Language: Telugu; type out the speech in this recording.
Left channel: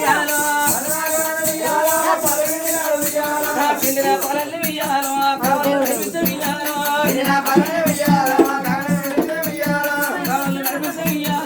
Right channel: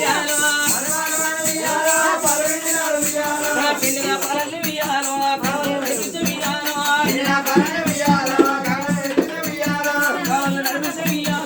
పరలు వియాల కాలు నడిపిస్తే వియాల